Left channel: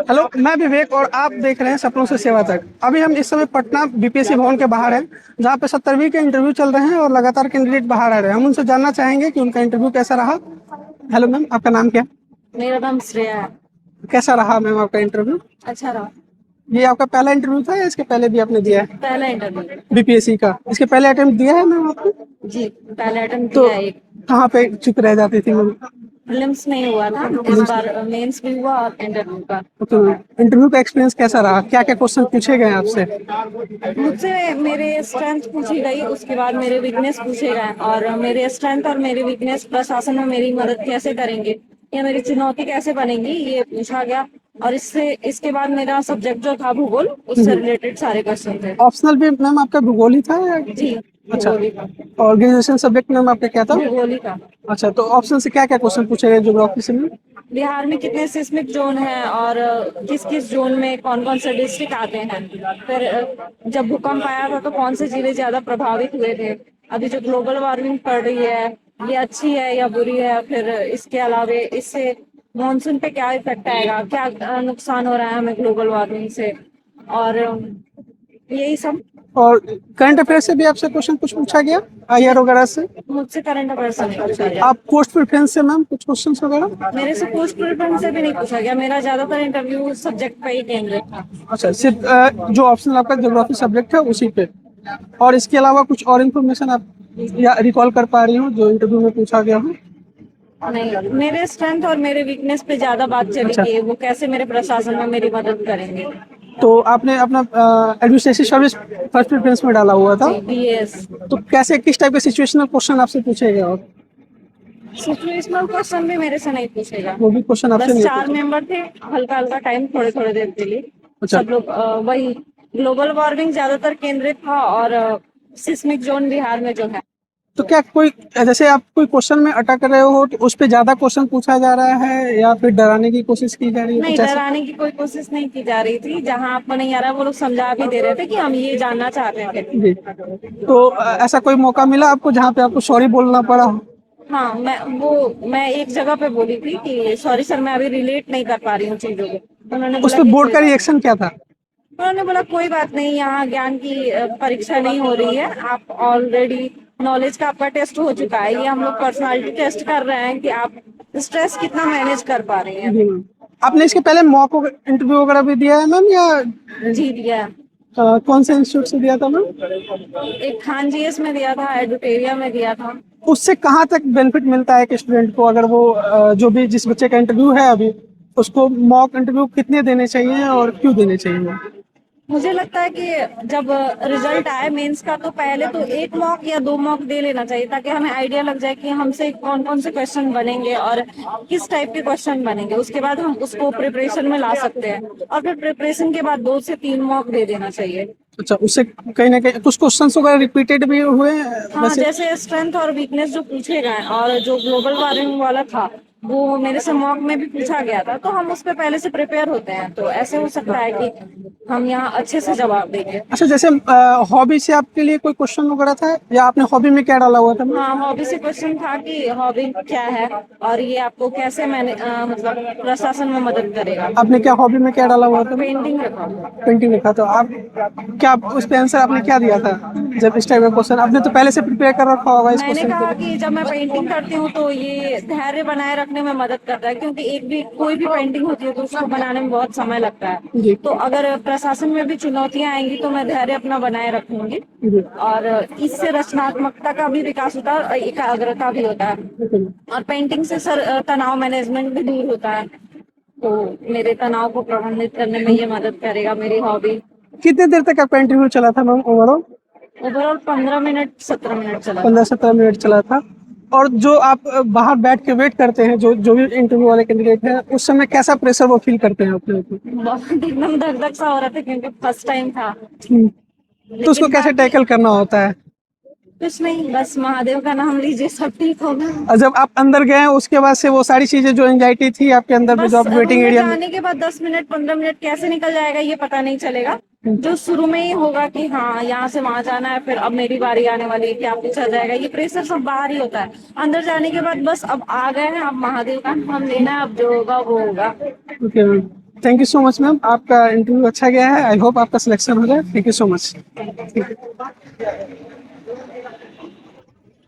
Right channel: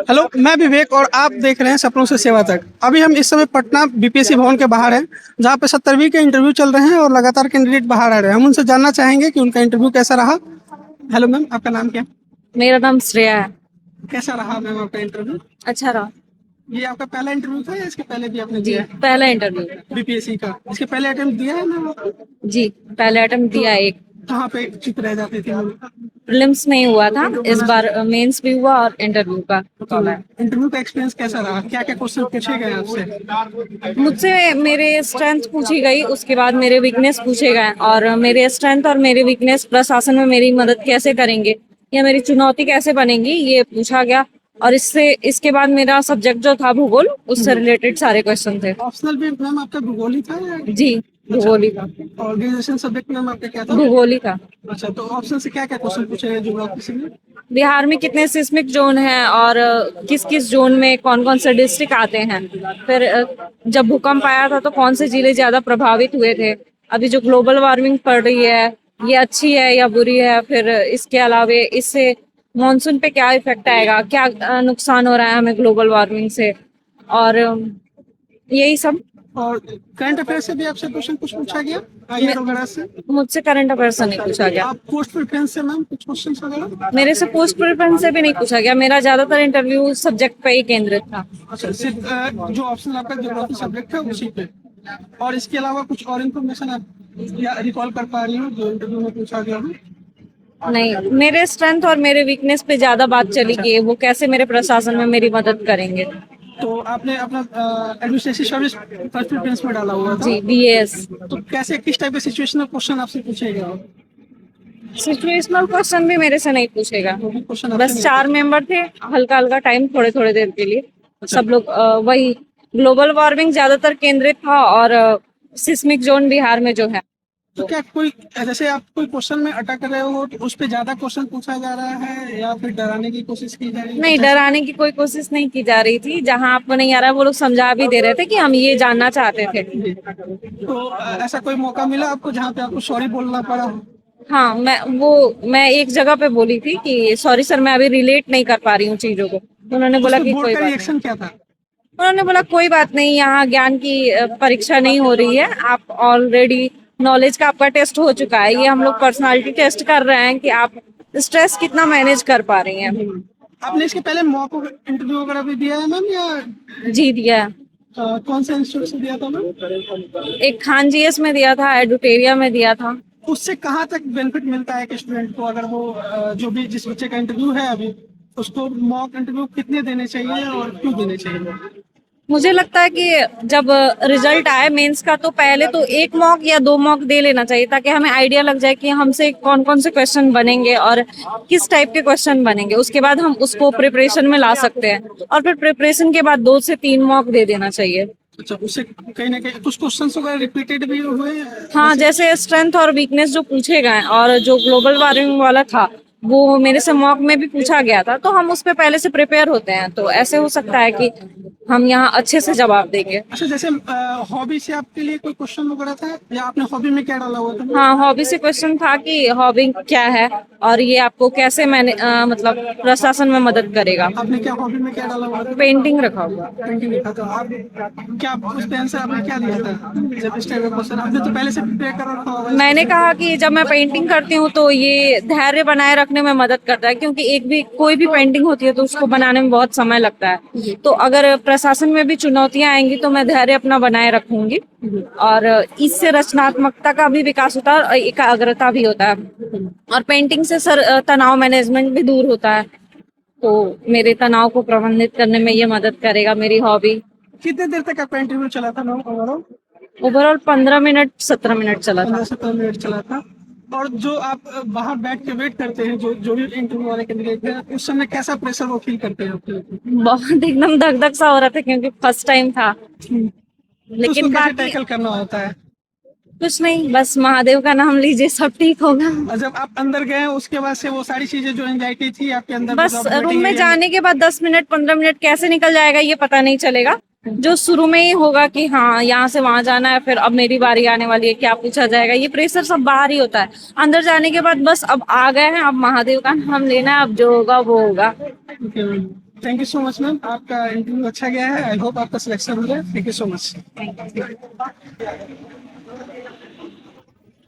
Hello, मैं विवेक और आप देख रहे हैं सपनों से सेवा तक। अभी हम इस समय पटना बीपीएससी भवन के बाहर हैं, जहां पे 70वीं के इंटरव्यू चल रहे हैं और लगातार कैंडिडेट बाहर आ रहे हैं। हम उनसे जानना चाहेंगे कि उनका इंटरव्यू कैसा रहा। हेलो मैम, आपका नाम क्या है? मेरा नाम श्रेया है। कैसा रहा मैम आपका इंटरव्यू? अच्छा रहा। ये आपका पहला इंटरव्यू था या इसके पहले भी आपने जी, दिया है पहला इंटरव्यू। बीपीएससी का? इसके पहले अटेम्प्ट दिया है मैम आपने? जी, पहला अटेम्प्ट तो दिया एक। कहाँ पे चुप रह जाती थी मैम? प्रीलिम्स नहीं हुआ था, इस बार मेंस भी हुआ और इंटरव्यू का तो हुआ है। इंटरव्यू का एक्सपीरियंस कैसा रहा? क्या क्या क्वेश्चन पूछे गए आपसे? मुझसे मेरे स्ट्रेंथ पूछी गई, उसके बाद मेरे वीकनेस पूछे गए और मेरे स्ट्रेंथ और मेरे वीकनेस प्रशासन में मेरी मदद कैसे करेंगे या मेरी चुनौती कैसे बनेंगी, ये पूछा गया। और इसके बाद मेरा सब्जेक्ट जो था भूगोल, उससे रिलेटेड सारे क्वेश्चन थे। ऑप्शनल भी मैम आपका भूगोल ही था या? जी, अच्छा। भूगोल ही था। और ग्रेजुएशन सब्जेक्ट मैम आपका क्या था? भूगोल ही था। अच्छा, तो ऑप्शन से क्या क्या क्वेश्चन पूछे गए ज्योग्राफी से में? बिहार में कितने सिस्मिक जोन हैं और किस किस जोन में कौन कौन से डिस्ट्रिक्ट आते हैं। फिर जब भूकंप आया था तो कौन से जिले ज्यादा प्रभावित हुए थे। अभी जो ग्लोबल वार्मिंग पड़ रही है, ये अच्छी है या बुरी है। फिर इसके अलावा इससे मॉनसून पे क्या इफेक्ट आएगा, क्या नुकसान हो रहा है हमें ग्लोबल वार्मिंग से। और यही सब। और करंट अफेयर से भी आपसे क्वेश्चन कुछ पूछा गया, आईआर वगैरह से? मुझसे करंट अफेयर से नहीं पूछा गया। आप पोस्ट प्रेफरेंस से मैम कुछ क्वेश्चन वगैरह? मेरे से पोस्ट प्रेफरेंस से भी नहीं पूछा गया। मेरा ज्यादातर इंटरव्यू सब्जेक्ट पे ही केंद्रित था। अच्छा, सिर्फ जो ऑप्शन आपका ज्योग्राफी सब्जेक्ट है उसी पे? और इसके अलावा कुछ और इन्फॉर्मेशन आप या रिकॉल कर पा रही हो जो इंटरव्यू में पूछा गया हो? नहीं, मेरे स्ट्रेंथ और मेरे वीकनेस पे ज्यादा बात चली अच्छा। कि वो कैसे मेरे प्रशासन में मेरी मदद करेंगे। तो आपने अपना एडमिनिस्ट्रेटिव सर्विस फर्स्ट प्रेफरेंस में डाला हुआ था? जी, बीएस। तो कैसे, किस टाइप के सिचुएशनल क्वेश्चन आपसे पूछे गए? और सिचुएशनल क्वेश्चन भी मेरे से नहीं पूछेगा। वो भी क्वेश्चन आपसे बस नहीं चार पूछे? मेंबर थे, हल्का हल्का टाइम, थोड़े थोड़े देर के लिए। अच्छा। सब लोग वही ग्लोबल वार्मिंग ज्यादातर केंद्रित था और सिस्मिक जोन बिहार में जो है। तो क्या कोई, जैसे आप कोई क्वेश्चन में अटक रहे हो तो उस पे ज्यादा क्वेश्चन पूछा जा रहा है या फिर डराने की कोशिश की जा रही है, नहीं, कुछ ऐसा? डराने की कोई कोशिश नहीं की जा रही थी। जहां आपको नहीं आ रहा वो लोग समझा भी दे रहे थे कि हम ये जानना चाहते थे। जी। तो ऐसा कोई मौका मिला आपको जहाँ पे आपको सॉरी बोलना पड़ा हो? हाँ, मैं एक जगह पे बोली थी कि सॉरी सर, मैं अभी रिलेट नहीं कर पा रही हूँ चीजों को। तो उन्होंने उस बोला पे कि बोर्ड कोई का बात नहीं। रिएक्शन क्या था? उन्होंने बोला कोई बात नहीं, यहाँ ज्ञान की परीक्षा नहीं हो रही है। आप ऑलरेडी नॉलेज का आपका टेस्ट हो चुका है। ये हम लोग पर्सनालिटी टेस्ट कर रहे हैं कि आप स्ट्रेस कितना मैनेज कर पा रही हैं। जी मैम। आपने इसके पहले मॉक इंटरव्यू वगैरह भी दिया है मैम या जी, दिया है। कौन से इंस्टीट्यूट से दिया था मैम? एक खान जीएस में दिया था, एडुटेरिया में दिया था। उससे कहाँ तक बेनिफिट मिलता है एक स्टूडेंट को, अगर वो जो भी जिस बच्चे का इंटरव्यू है अभी, उसको मॉक इंटरव्यू कितने देने चाहिए और क्यों देने चाहिए? मुझे लगता है कि जब रिजल्ट आए मेंस का तो पहले तो एक मॉक या दो मॉक दे लेना चाहिए, ताकि हमें आइडिया लग जाए कि हमसे कौन कौन से क्वेश्चन बनेंगे और किस टाइप के क्वेश्चन बनेंगे। उसके बाद हम उसको प्रिपरेशन में ला सकते हैं और फिर प्रिपरेशन के बाद 2 से 3 मॉक दे देना चाहिए। अच्छा, उससे कहीं ना कहीं कुछ क्वेश्चंस वगैरह रिपीटेड भी हुए हैं हाँ, वैसे? जैसे स्ट्रेंथ और वीकनेस जो पूछे गए और जो ग्लोबल वार्मिंग वाला था वो मेरे से मॉक में भी पूछा गया था, तो हम उस पे पहले से प्रिपेयर होते हैं, तो ऐसे हो सकता है कि हम यहाँ अच्छे से जवाब देंगे। अच्छा, जैसे हॉबी से आपके लिए कोई क्वेश्चन वगैरह था या आपने हॉबी में क्या डाला हुआ था? हाँ, हॉबी से क्वेश्चन था कि हॉबी क्या है और ये आपको कैसे मैंने मतलब प्रशासन में मदद करेगा। आपने क्या हॉबी में क्या डाला हुआ था? पेंटिंग रखा हुआ। पेंटिंग लिखा, तो आप क्या उस पे आंसर आपने क्या दिया था? जब इस टाइप का क्वेश्चन आपने तो पहले से प्रिपेयर कर रखा होगा इस मैंने क्वेश्चन कहा को। कि जब मैं पेंटिंग करती हूँ तो ये धैर्य बनाए रखने में मदद करता है, क्योंकि एक भी कोई भी पेंटिंग होती है तो उसको बनाने में बहुत समय लगता है। जी। तो अगर प्रशासन में भी चुनौतियां आएंगी तो मैं धैर्य अपना बनाए रखूंगी। जी। और इससे रचनात्मकता का भी विकास होता है और एकाग्रता भी होता है। और पेंटिंग से सर तनाव मैनेजमेंट भी दूर होता है। तो मेरे तनाव को प्रबंधित करने में ये मदद करेगा मेरी हॉबी। कितने देर तक आपका इंटरव्यू चला था ma'am overall? Overall 15 minute 17 minute चला था। 15-17 मिनट चला था। और जो आप बाहर बैठ के वेट करते हैं, जो जो भी इंटरव्यू वाले कैंडिडेट हैं, उस समय कैसा प्रेशर वो फील करते हैं अपने ऊपर? बहुत एकदम धक धक सा हो रहा था क्योंकि फर्स्ट टाइम था। तो उसको लेकिन कैसे बाकी टैकल करना होता है? कुछ नहीं, बस महादेव का नाम लीजिए, सब ठीक होगा। और जब आप अंदर गए उसके बाद से वो सारी चीजें जो एंजाइटी थी आपके अंदर में, जो बस आप रूम वेटिंग में एरिया में? जाने के बाद 10 मिनट 15 मिनट कैसे निकल जाएगा ये पता नहीं चलेगा। जो शुरू में ही होगा कि हाँ यहाँ से वहां जाना है, फिर अब मेरी बारी आने वाली है, क्या पूछा जाएगा, ये प्रेशर सब बाहर ही होता है। अंदर जाने के बाद बस अब आ गए हैं, अब महादेव का नाम लेना है, अब जो होगा वो होगा। Okay ma'am. Thank you so much ma'am, आपका इंटरव्यू अच्छा गया है, आई होप आपका सिलेक्शन हो जाए। Thank you so much.